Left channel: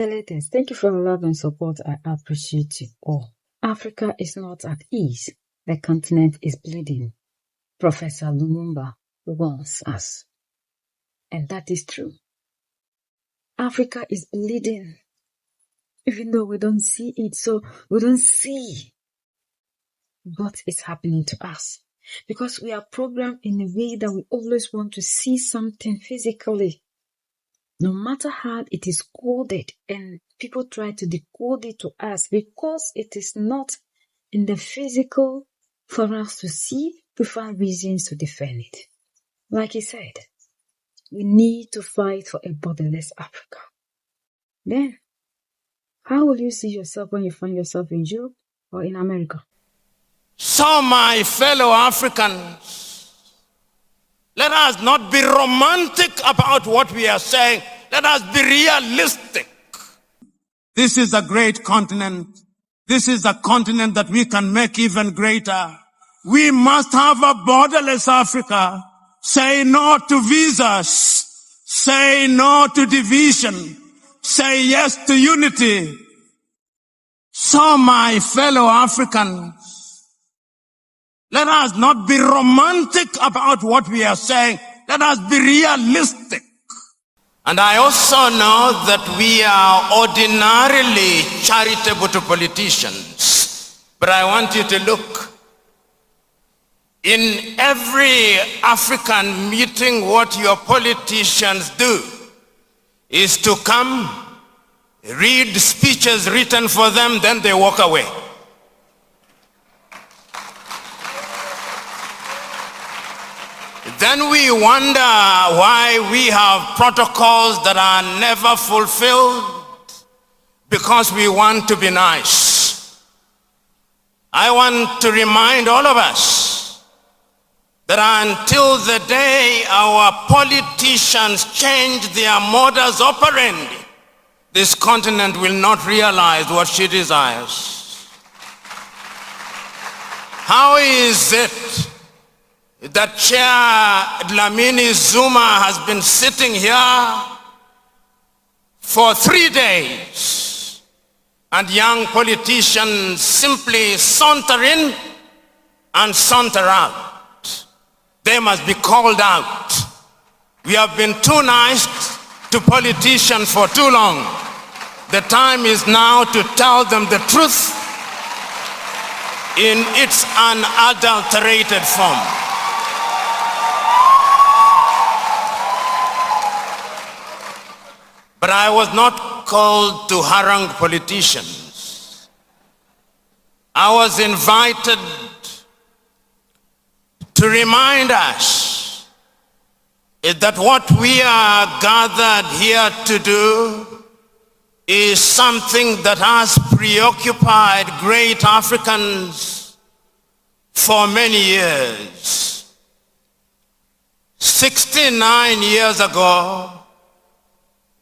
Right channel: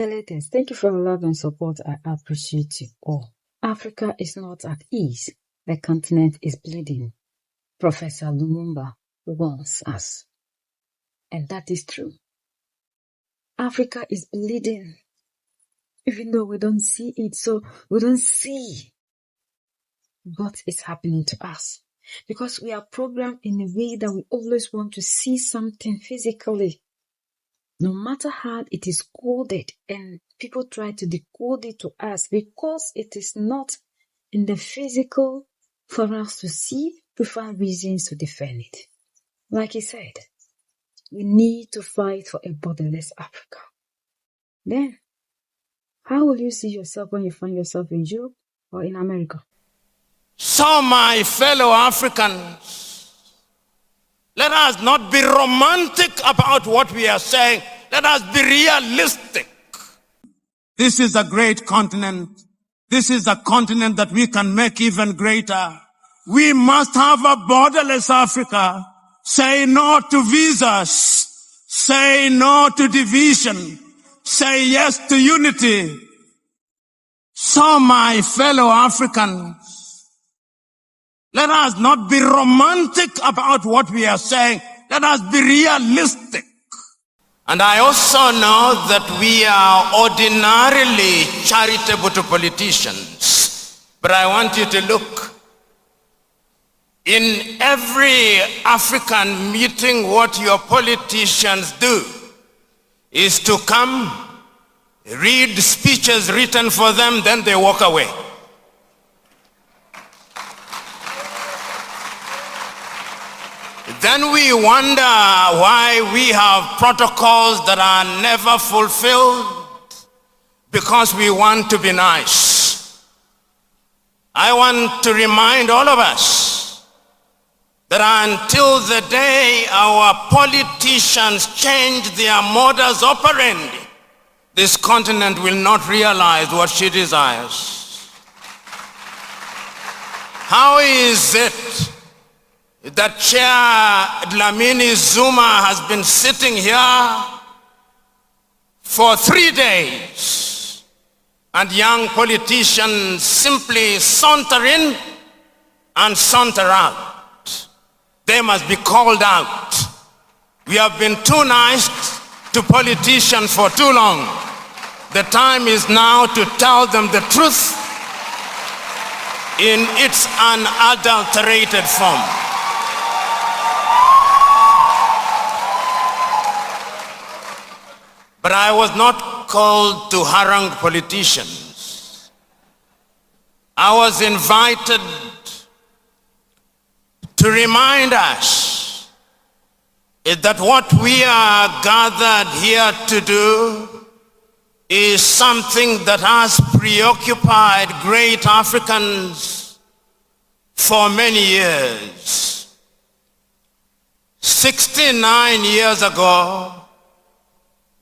Ladies, thank you for your love and support. I appreciate you all. Africa is not at ease. The continent is bleeding. Professor Lumumba warns us. And that is true. Africa is bleeding. Even though we don't see it, so we don't see what is happening to us. Because we are programmed in a way that we always want to see something physically. No matter how it is coded, and people try to decode it to us because it is not in the physical for us to see, we find reasons to defend it. Like he said, we need to fight for a borderless Africa. Then, how will you see yourself when you find yourself in Europe or in America? So, my fellow Africans, let us not be romantic about what we are saying. Let us be realistic. This is a great continent. This is a continent that we can make even greater. We must have a borderless Africa. Say no to visas. Say no to division. Say yes to unity. So, my fellow Africans, let us not be romantic about what we are saying. Let us be realistic. And I also know that we are ordinarily charitable to politicians. But I want you to look. In every African meeting, what your politicians do is to come, read speeches written for them, then they walk away. Then we wonder why we have protocols that are never fulfilled because we want to be nice. I want to remind all of us that until the day our politicians change their modus operandi, this continent will not realize what she desires. How is it that Chair Dlamini Zuma has been sitting here for 3 days and young politicians simply saunter in and saunter out? They must be called out. We have been too nice to politicians for too long. The time is now to tell them the truth in its unadulterated form. But I was not called to harangue politicians. I was invited to remind us that what we are gathered here to do is something that has preoccupied great Africans for many years. 69 years ago,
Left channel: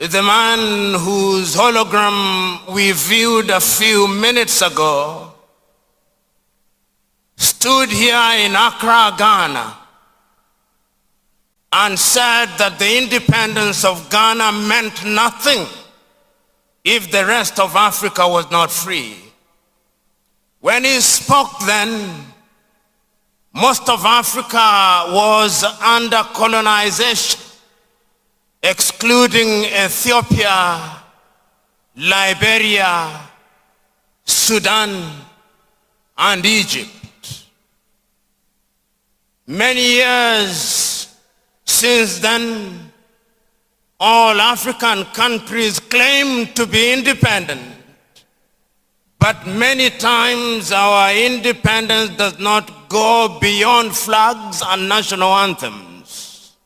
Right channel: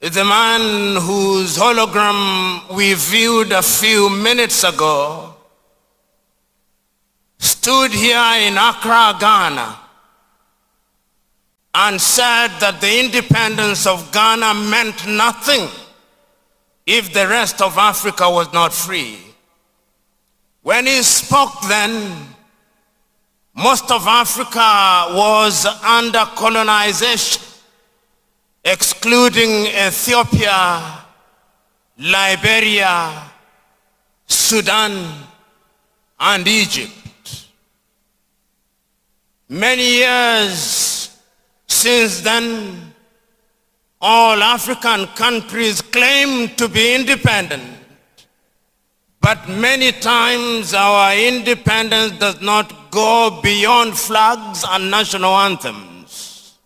the man whose hologram we viewed a few minutes ago stood here in Accra, Ghana, and said that the independence of Ghana meant nothing if the rest of Africa was not free. When he spoke then, most of Africa was under colonization, excluding Ethiopia, Liberia, Sudan, and Egypt. Many years since then, all African countries claim to be independent, but many times our independence does not go beyond flags and national anthems.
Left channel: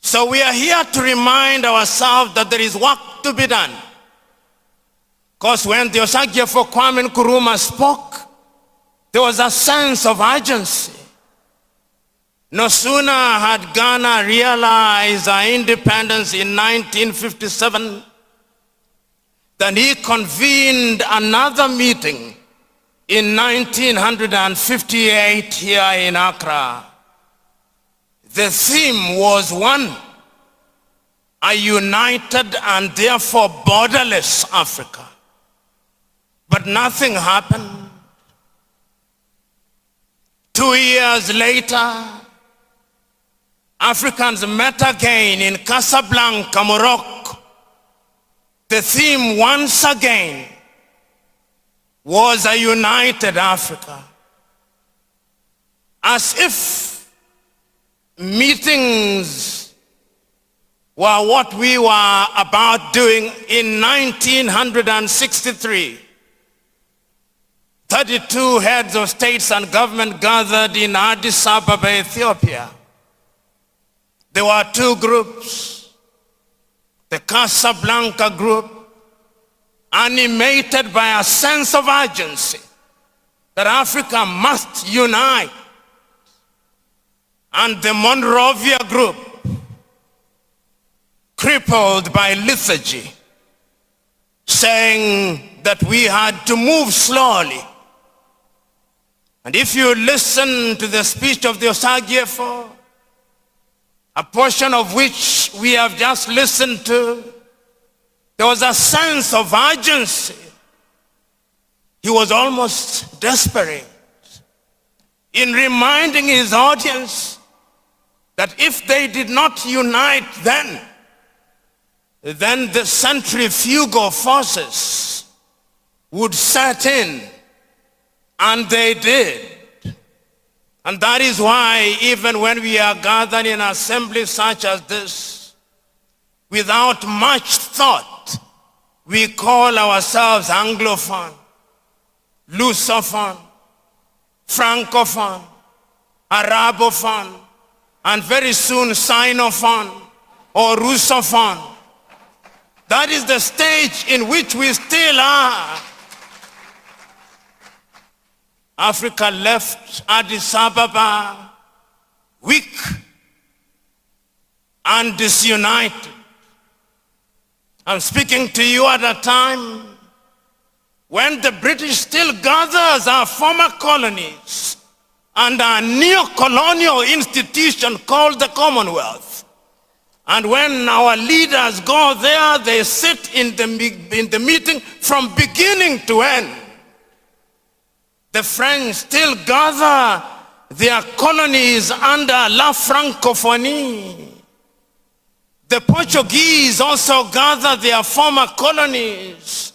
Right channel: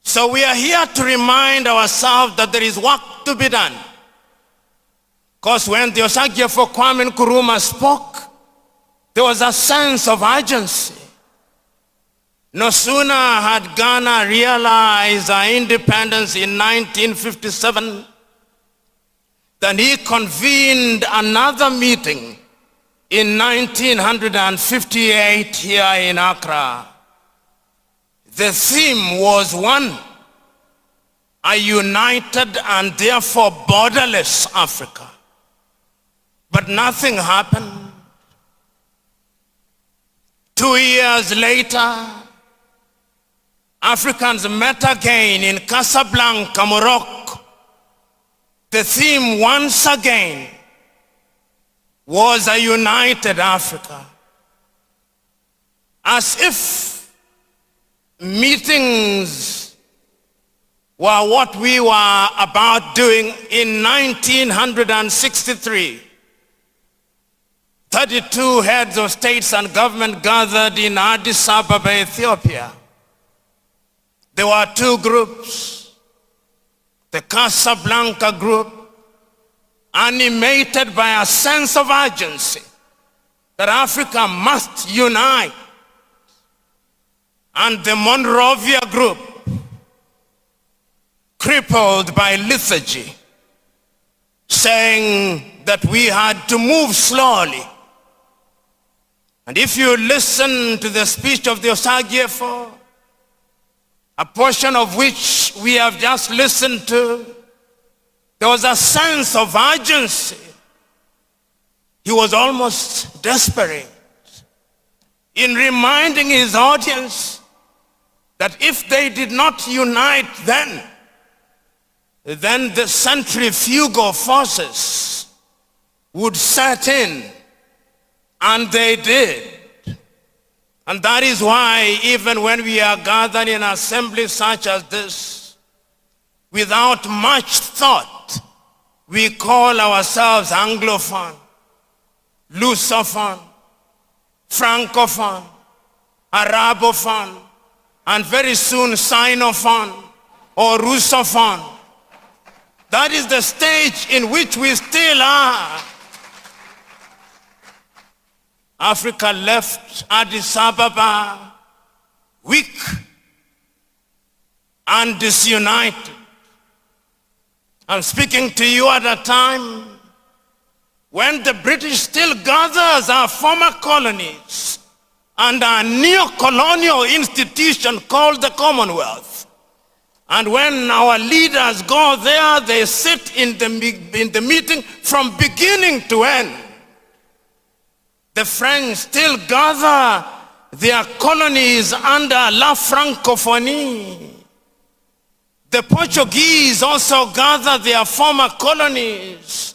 So we are here to remind ourselves that there is work to be done. Because when the Osagyefo Kwame Nkrumah spoke, there was a sense of urgency. No sooner had Ghana realized our independence in 1957 than he convened another meeting in 1958 here in Accra. The theme was one: a united and therefore borderless Africa. But nothing happened. 2 years later, Africans met again in Casablanca, Morocco. The theme once again was a united Africa. As if meetings were what we were about doing in 1963. 32 heads of states and government gathered in Addis Ababa, Ethiopia. There were two groups. The Casablanca group, animated by a sense of urgency that Africa must unite, and the Monrovia group, crippled by lethargy, saying that we had to move slowly. And if you listen to the speech of the Osagyefo, a portion of which we have just listened to, there was a sense of urgency. He was almost desperate in reminding his audience that if they did not unite then the centrifugal forces would set in. And they did. And that is why even when we are gathered in assemblies such as this, without much thought, we call ourselves Anglophone, Lusophone, Francophone, Arabophone, and very soon Sinophone or Russophone. That is the stage in which we still are. Africa left Addis Ababa weak and disunited. I'm speaking to you at a time when the British still gathers our former colonies and our neo-colonial institution called the Commonwealth. And when our leaders go there, they sit in the meeting from beginning to end. The French still gather their colonies under La Francophonie. The Portuguese also gather their former colonies.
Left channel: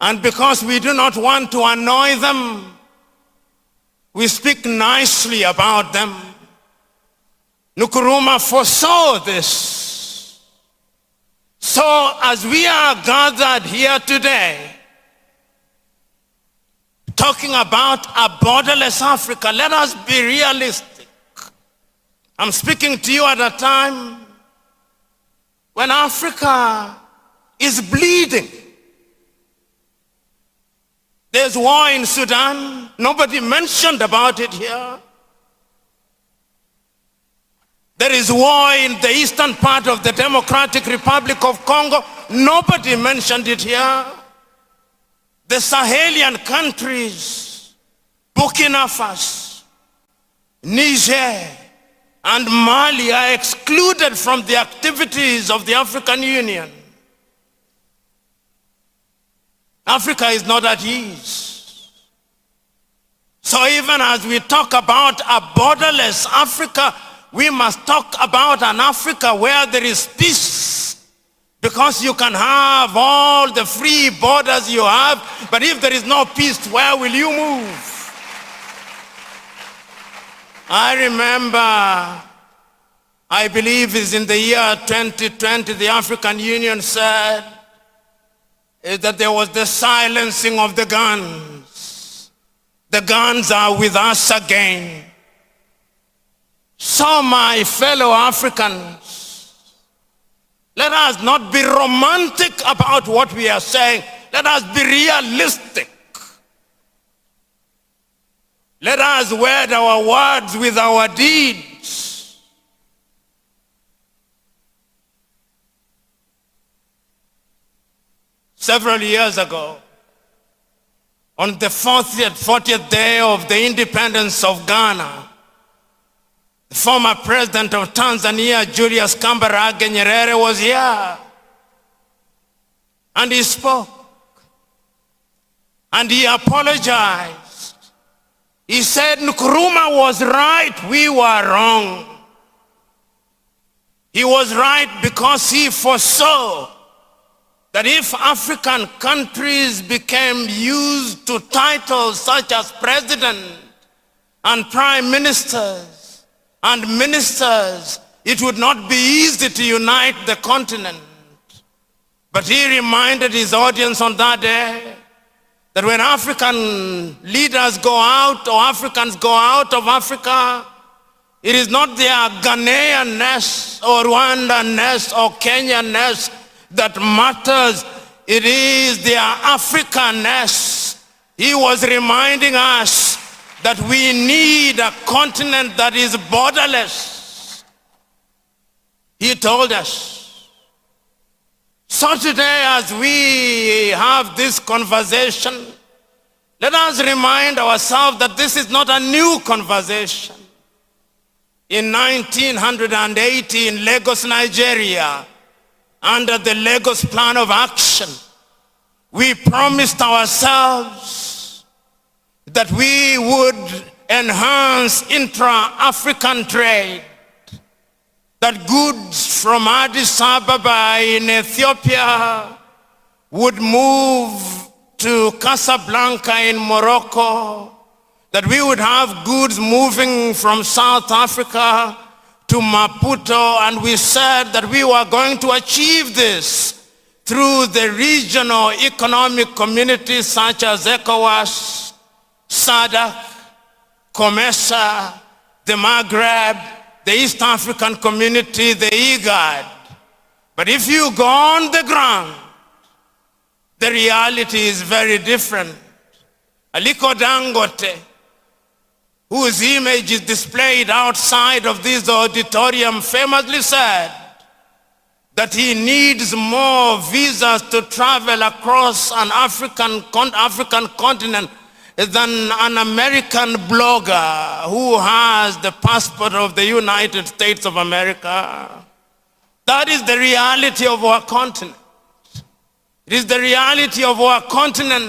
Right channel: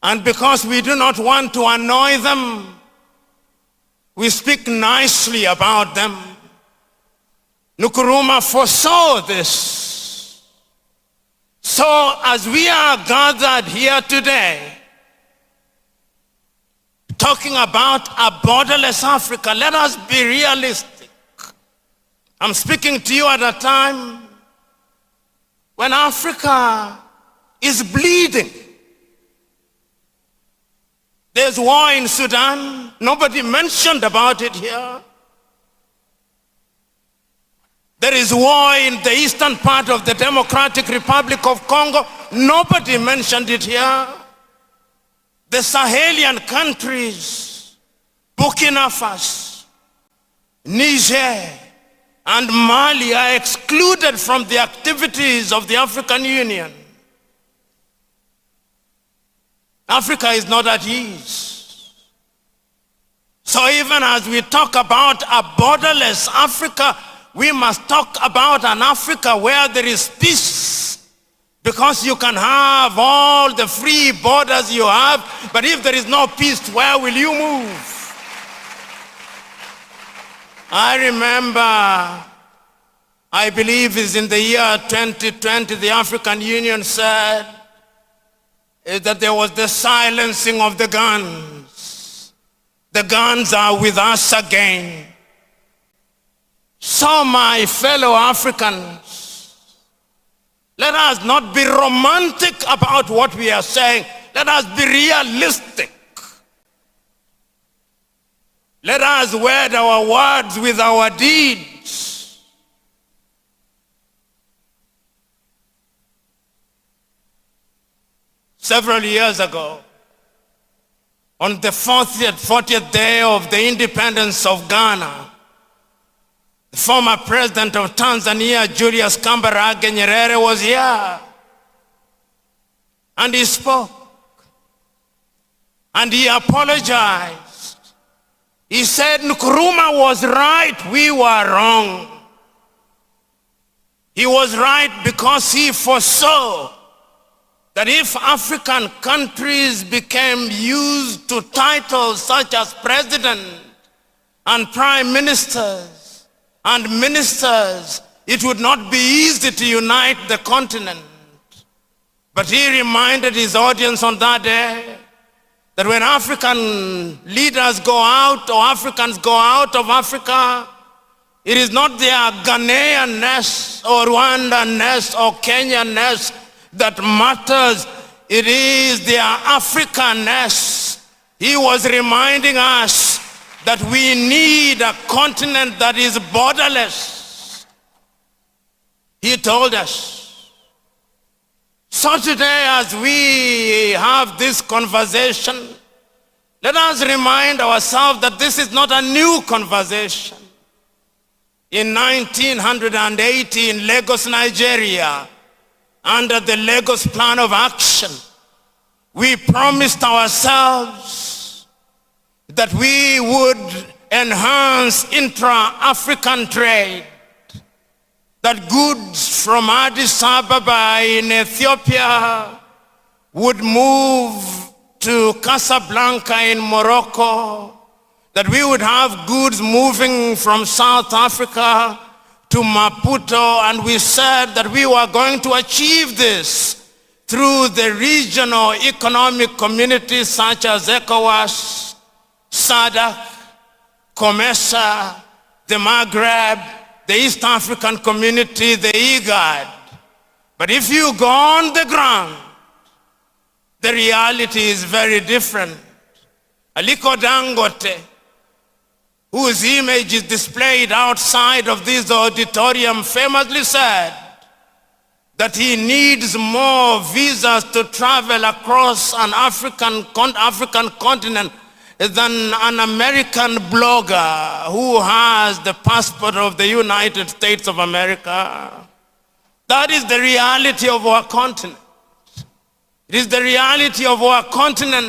And because we do not want to annoy them, we speak nicely about them. Nkrumah foresaw this. So as we are gathered here today, talking about a borderless Africa, let us be realistic. I'm speaking to you at a time when Africa is bleeding. There's war in Sudan. Nobody mentioned about it here. There is war in the eastern part of the Democratic Republic of Congo. Nobody mentioned it here. The Sahelian countries, Burkina Faso, Niger, and Mali are excluded from the activities of the African Union. Africa is not at ease. So even as we talk about a borderless Africa, we must talk about an Africa where there is peace. Because you can have all the free borders you have, but if there is no peace, where will you move? I remember, I believe it's in the year 2020, the African Union said that there was the silencing of the guns. The guns are with us again. So my fellow Africans, let us not be romantic about what we are saying. Let us be realistic. Let us wed our words with our deeds. Several years ago, on the 40th day of the independence of Ghana, The former president of Tanzania, Julius Kambarage Nyerere, was here. And he spoke. And he apologized. He said Nkrumah was right, we were wrong. He was right because he foresaw that if African countries became used to titles such as president and prime ministers and ministers, it would not be easy to unite the continent. But he reminded his audience on that day that when African leaders go out or Africans go out of Africa, it is not their Ghanaian-ness or Rwandan-ness or Kenyan-ness that matters. It is their African-ness. He was reminding us that we need a continent that is borderless. He told us. So today, as we have this conversation, let us remind ourselves that this is not a new conversation. In 1980 in Lagos, Nigeria, under the Lagos Plan of Action, we promised ourselves that we would enhance intra-African trade, that goods from Addis Ababa in Ethiopia would move to Casablanca in Morocco, that we would have goods moving from South Africa to Maputo, and we said that we were going to achieve this through the regional economic communities such as ECOWAS, SADC, COMESA, the Maghreb, the East African Community, the IGAD. But if you go on the ground, the reality is very different. Aliko Dangote, whose image is displayed outside of this auditorium, famously said that he needs more visas to travel across an African continent than an American blogger who has the passport of the United States of America. That is the reality of our continent. It is the reality of our continent.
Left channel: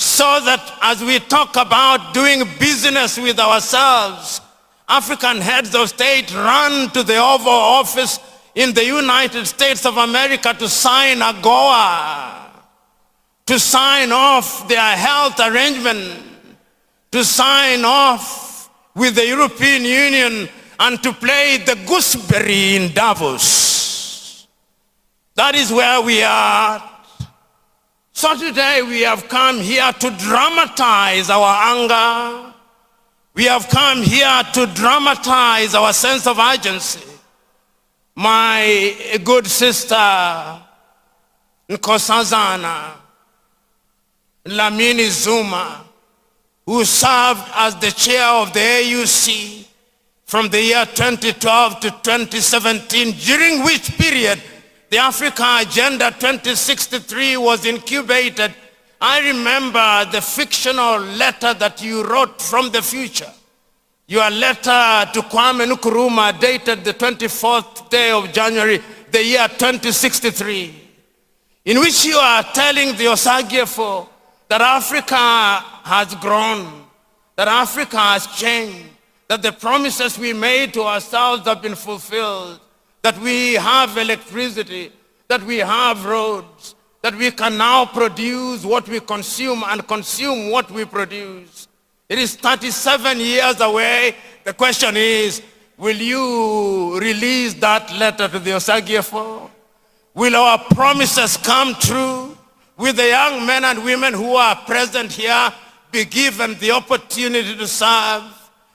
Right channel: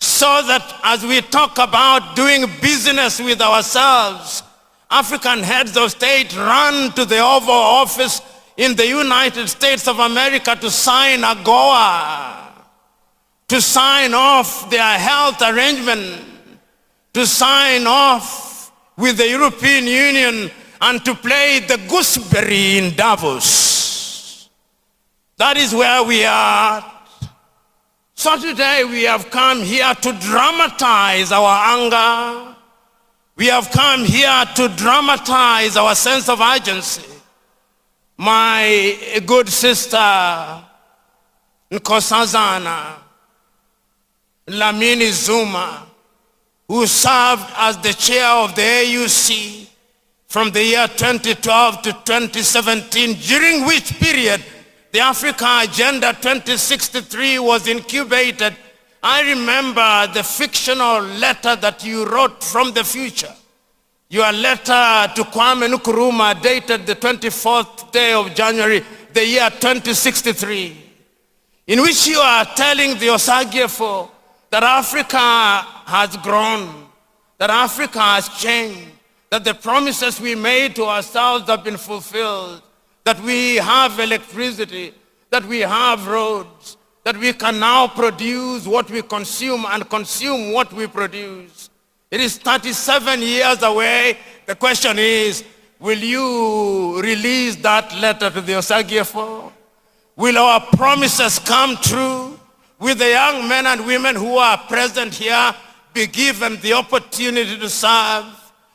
So that as we talk about doing business with ourselves, African heads of state run to the Oval Office in the United States of America to sign AGOA, to sign off their health arrangement, to sign off with the European Union and to play the gooseberry in Davos. That is where we are. So today we have come here to dramatize our anger. We have come here to dramatize our sense of urgency. My good sister, Nkosazana Lamini Zuma, who served as the chair of the AUC from the year 2012 to 2017, during which period the Africa Agenda 2063 was incubated. I remember the fictional letter that you wrote from the future. Your letter to Kwame Nkrumah dated the 24th day of January, the year 2063, in which you are telling the Osagyefo that Africa has grown, that Africa has changed, that the promises we made to ourselves have been fulfilled, that we have electricity, that we have roads, that we can now produce what we consume and consume what we produce. It is 37 years away. The question is, will you release that letter to the Osagyefo? Will our promises come true? Will the young men and women who are present here be given the opportunity to serve?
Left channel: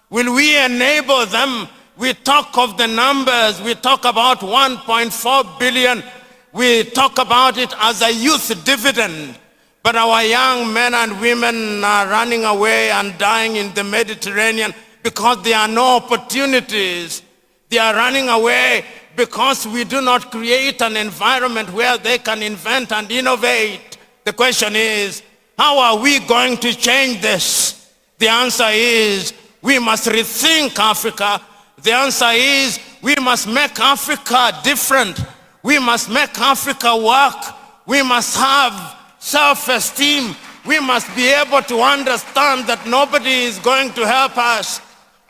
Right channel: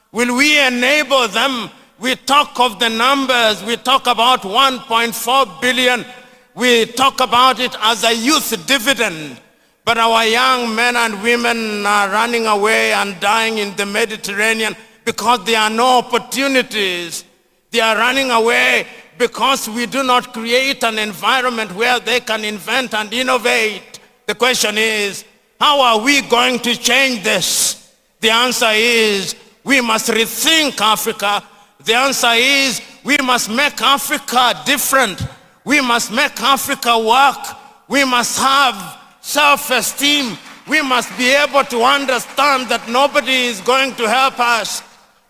Will we enable them? We talk of the numbers. We talk about 1.4 billion. We talk about it as a youth dividend. But our young men and women are running away and dying in the Mediterranean because there are no opportunities. They are running away because we do not create an environment where they can invent and innovate. The question is, how are we going to change this? The answer is, we must rethink Africa. The answer is we must make Africa different. We must make Africa work. We must have self-esteem. We must be able to understand that nobody is going to help us.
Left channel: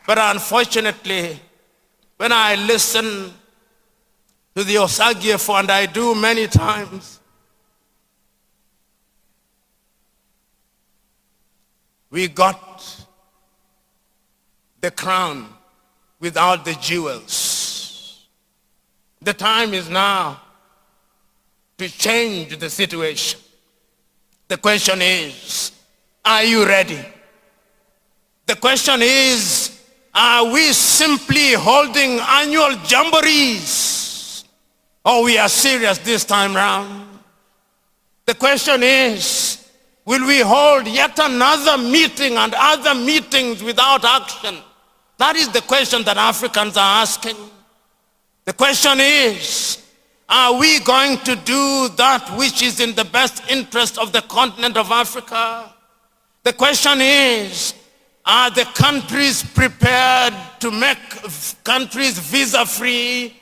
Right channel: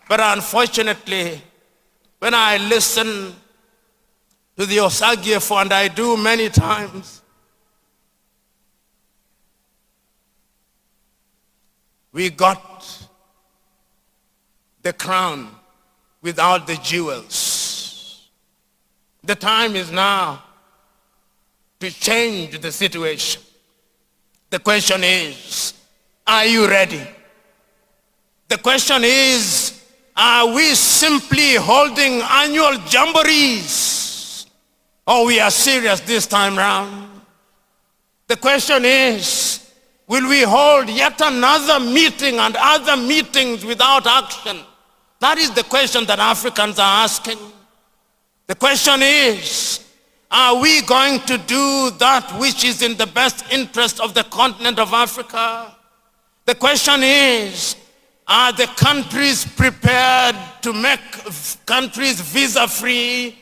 But unfortunately, when I listen to the Osagiefo, and I do many times, we got the crown without the jewels. The time is now to change the situation. The question is, are you ready? The question is, are we simply holding annual jamborees? Or we are serious this time round? The question is, will we hold yet another meeting and other meetings without action? That is the question that Africans are asking. The question is, are we going to do that which is in the best interest of the continent of Africa? The question is, are the countries prepared to make countries visa-free?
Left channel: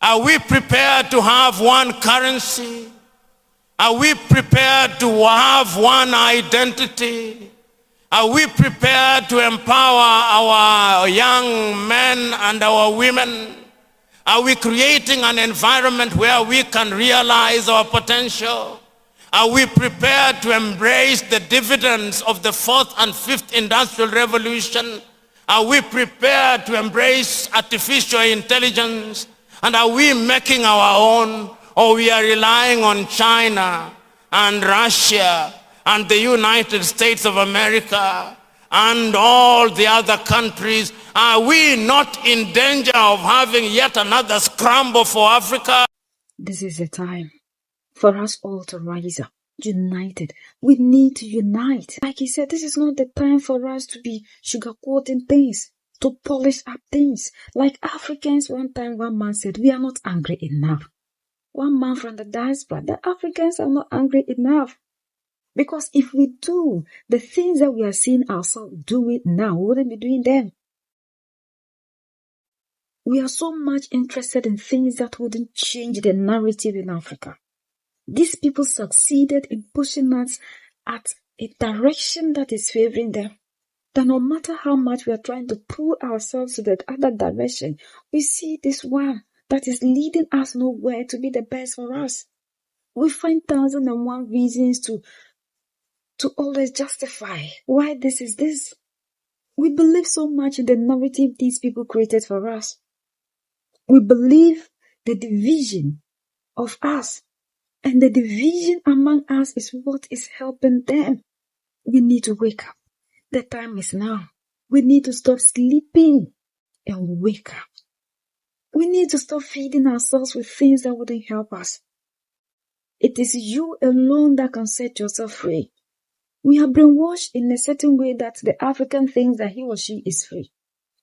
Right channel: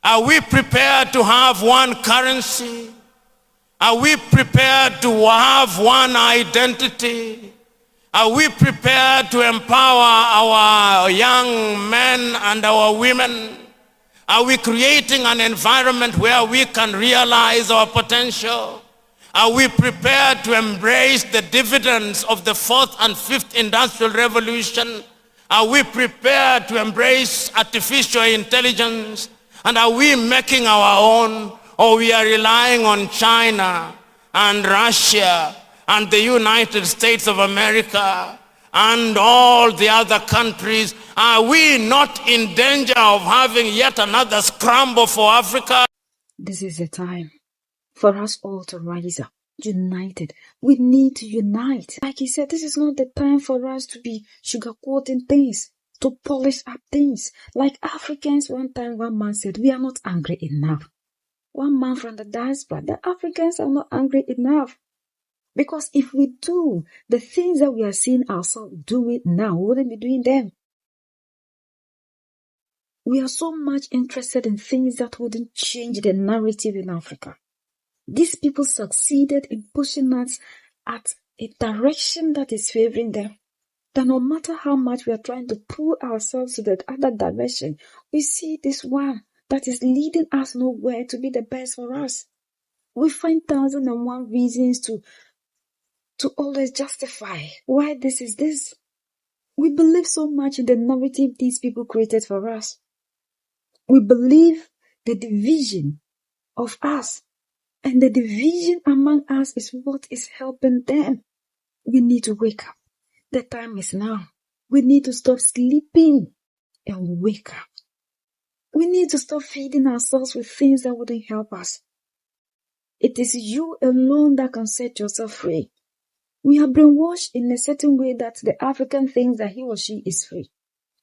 Are we prepared to have one currency? Are we prepared to have one identity? Are we prepared to empower our young men and our women? Are we creating an environment where we can realize our potential? Are we prepared to embrace the dividends of the 4th and 5th industrial revolution? Are we prepared to embrace artificial intelligence? And are we making our own? Or we are relying on China and Russia and the United States of America and all the other countries? Are we not in danger of having yet another scramble for Africa? This is the time for us all to rise up, united. We need to unite. Like he said, this is not the time for us to be sugarcoating things, to polish up things. Like Africans, one time one man said, we are not angry enough. One man from the diaspora, the Africans are not angry enough. Because if we do the things that we are seeing ourselves do it now, we wouldn't be doing them. We are so much interested in things that wouldn't change the narrative in Africa. These people succeeded in pushing us at a direction that is favoring them. That no matter how much we are trying to pull ourselves to the other direction, we see this one that is leading us nowhere to be the best for us. We find 1,001 reasons to always justify why this is this. We believe so much in the narrative these people created for us. We believe the division of us, and the division among us is what is helping them. We need to wake up. The time is now. We need to stop sleeping and wake up. We need to stop feeding ourselves with things that wouldn't help us. It is you alone that can set yourself free. We are brainwashed in a certain way that the African thinks that he or she is free.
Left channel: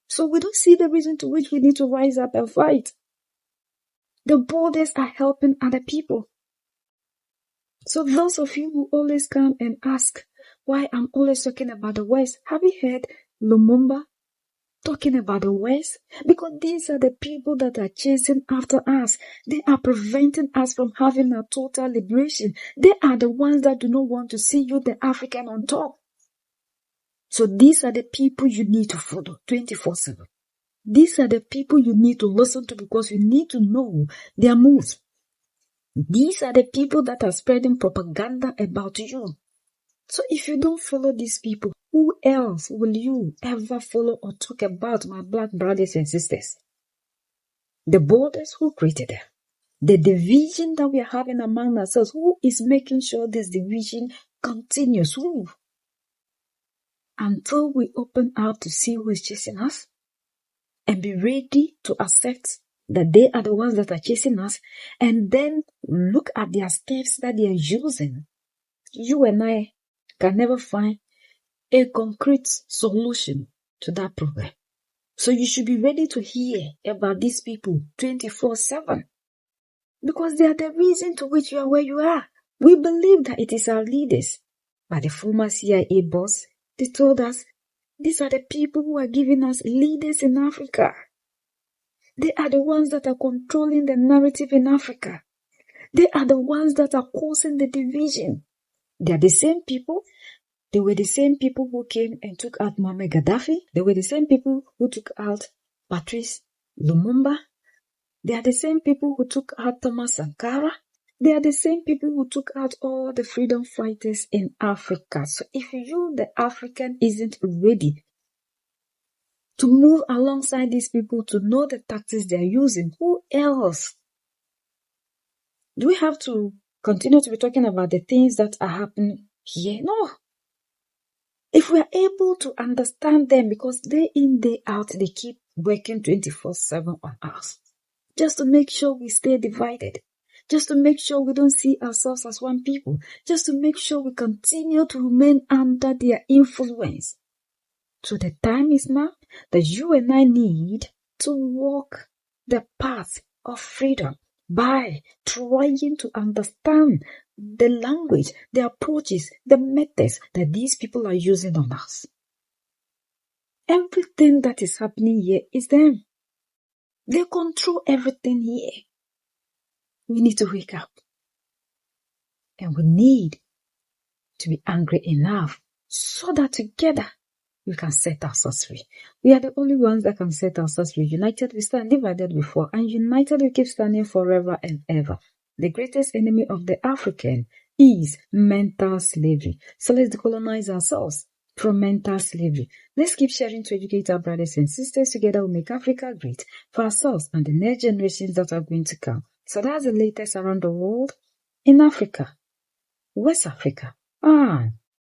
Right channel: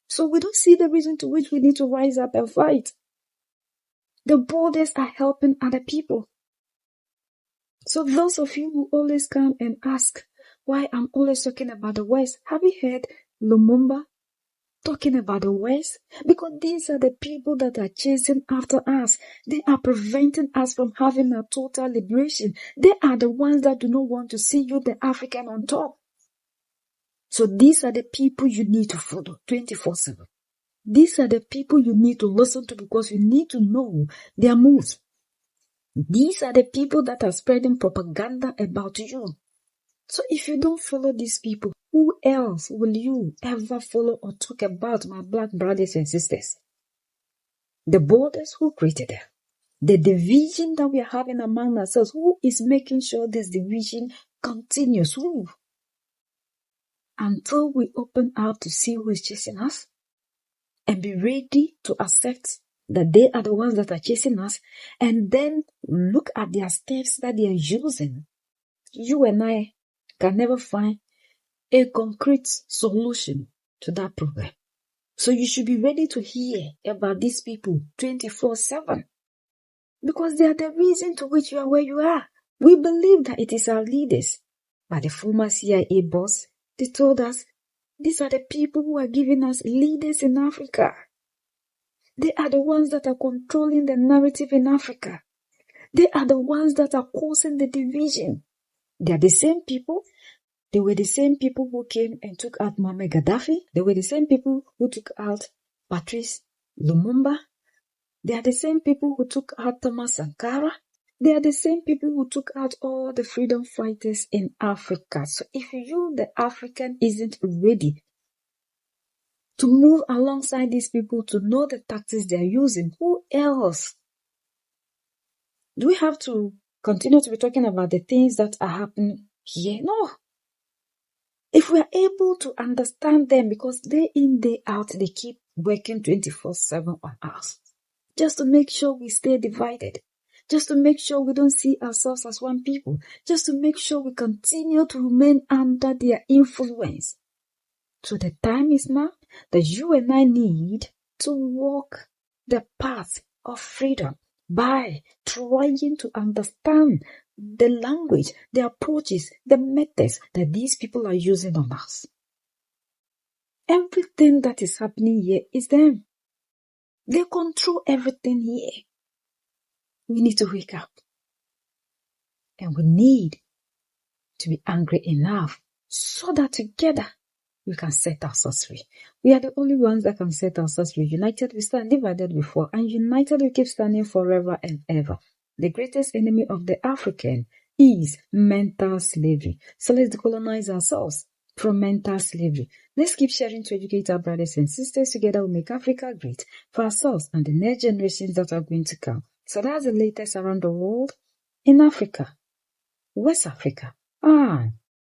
So we don't see the reason to which we need to rise up and fight. The borders are helping other people. So those of you who always come and ask why I'm always talking about the West, have you heard Lumumba talking about the West? Because these are the people that are chasing after us. They are preventing us from having a total liberation. They are the ones that do not want to see you, the African, on top. So these are the people you need to follow 24/7. These are the people you need to listen to because you need to know their moves. These are the people that are spreading propaganda about you. So if you don't follow these people, who else will you ever follow or talk about, my black brothers and sisters? The borders, who created them? The division that we are having among ourselves, who is making sure this division continues? Who? Until we open out to see who is chasing us and be ready to accept that they are the ones that are chasing us, and then look at their steps that they are using, you and I can never find a concrete solution to that problem. So you should be ready to hear about these people 24/7 because they are the reason to which you are where you are. We believe that it is our leaders. But the former CIA boss, they told us these are the people who are giving us leaders in Africa. They are the ones that are controlling the narrative in Africa. They are the ones that are causing the division. They are the same people. They were the same people who came and took out Muammar Gaddafi. They were the same people who took out Patrice Lumumba. They are the same people who took out Thomas Sankara. They are the same people who took out all the freedom fighters in Africa. So if you, the African, isn't ready to move alongside these people, to know the tactics they are using, who else? Do we have to continue to be talking about the things that are happening here? No. If we are able to understand them, because day in, day out, they keep working 24/7 on us, just to make sure we stay divided, just to make sure we don't see ourselves as one people, just to make sure we continue to remain under their influence. So the time is now that you and I need to walk the path of freedom by trying to understand the language, the approaches, the methods that these people are using on us. Everything that is happening here is them. They control everything here. We need to wake up. And we need to be angry enough so that together we can set ourselves free. We are the only ones that can set ourselves free. United we stand, divided we fall, and united we keep standing forever and ever. The greatest enemy of the African is mental slavery. So let's decolonize ourselves from mental slavery. Let's keep sharing to educate our brothers and sisters. Together we'll make Africa great for ourselves and the next generations that are going to come. So that's the latest around the world in Africa, West Africa, and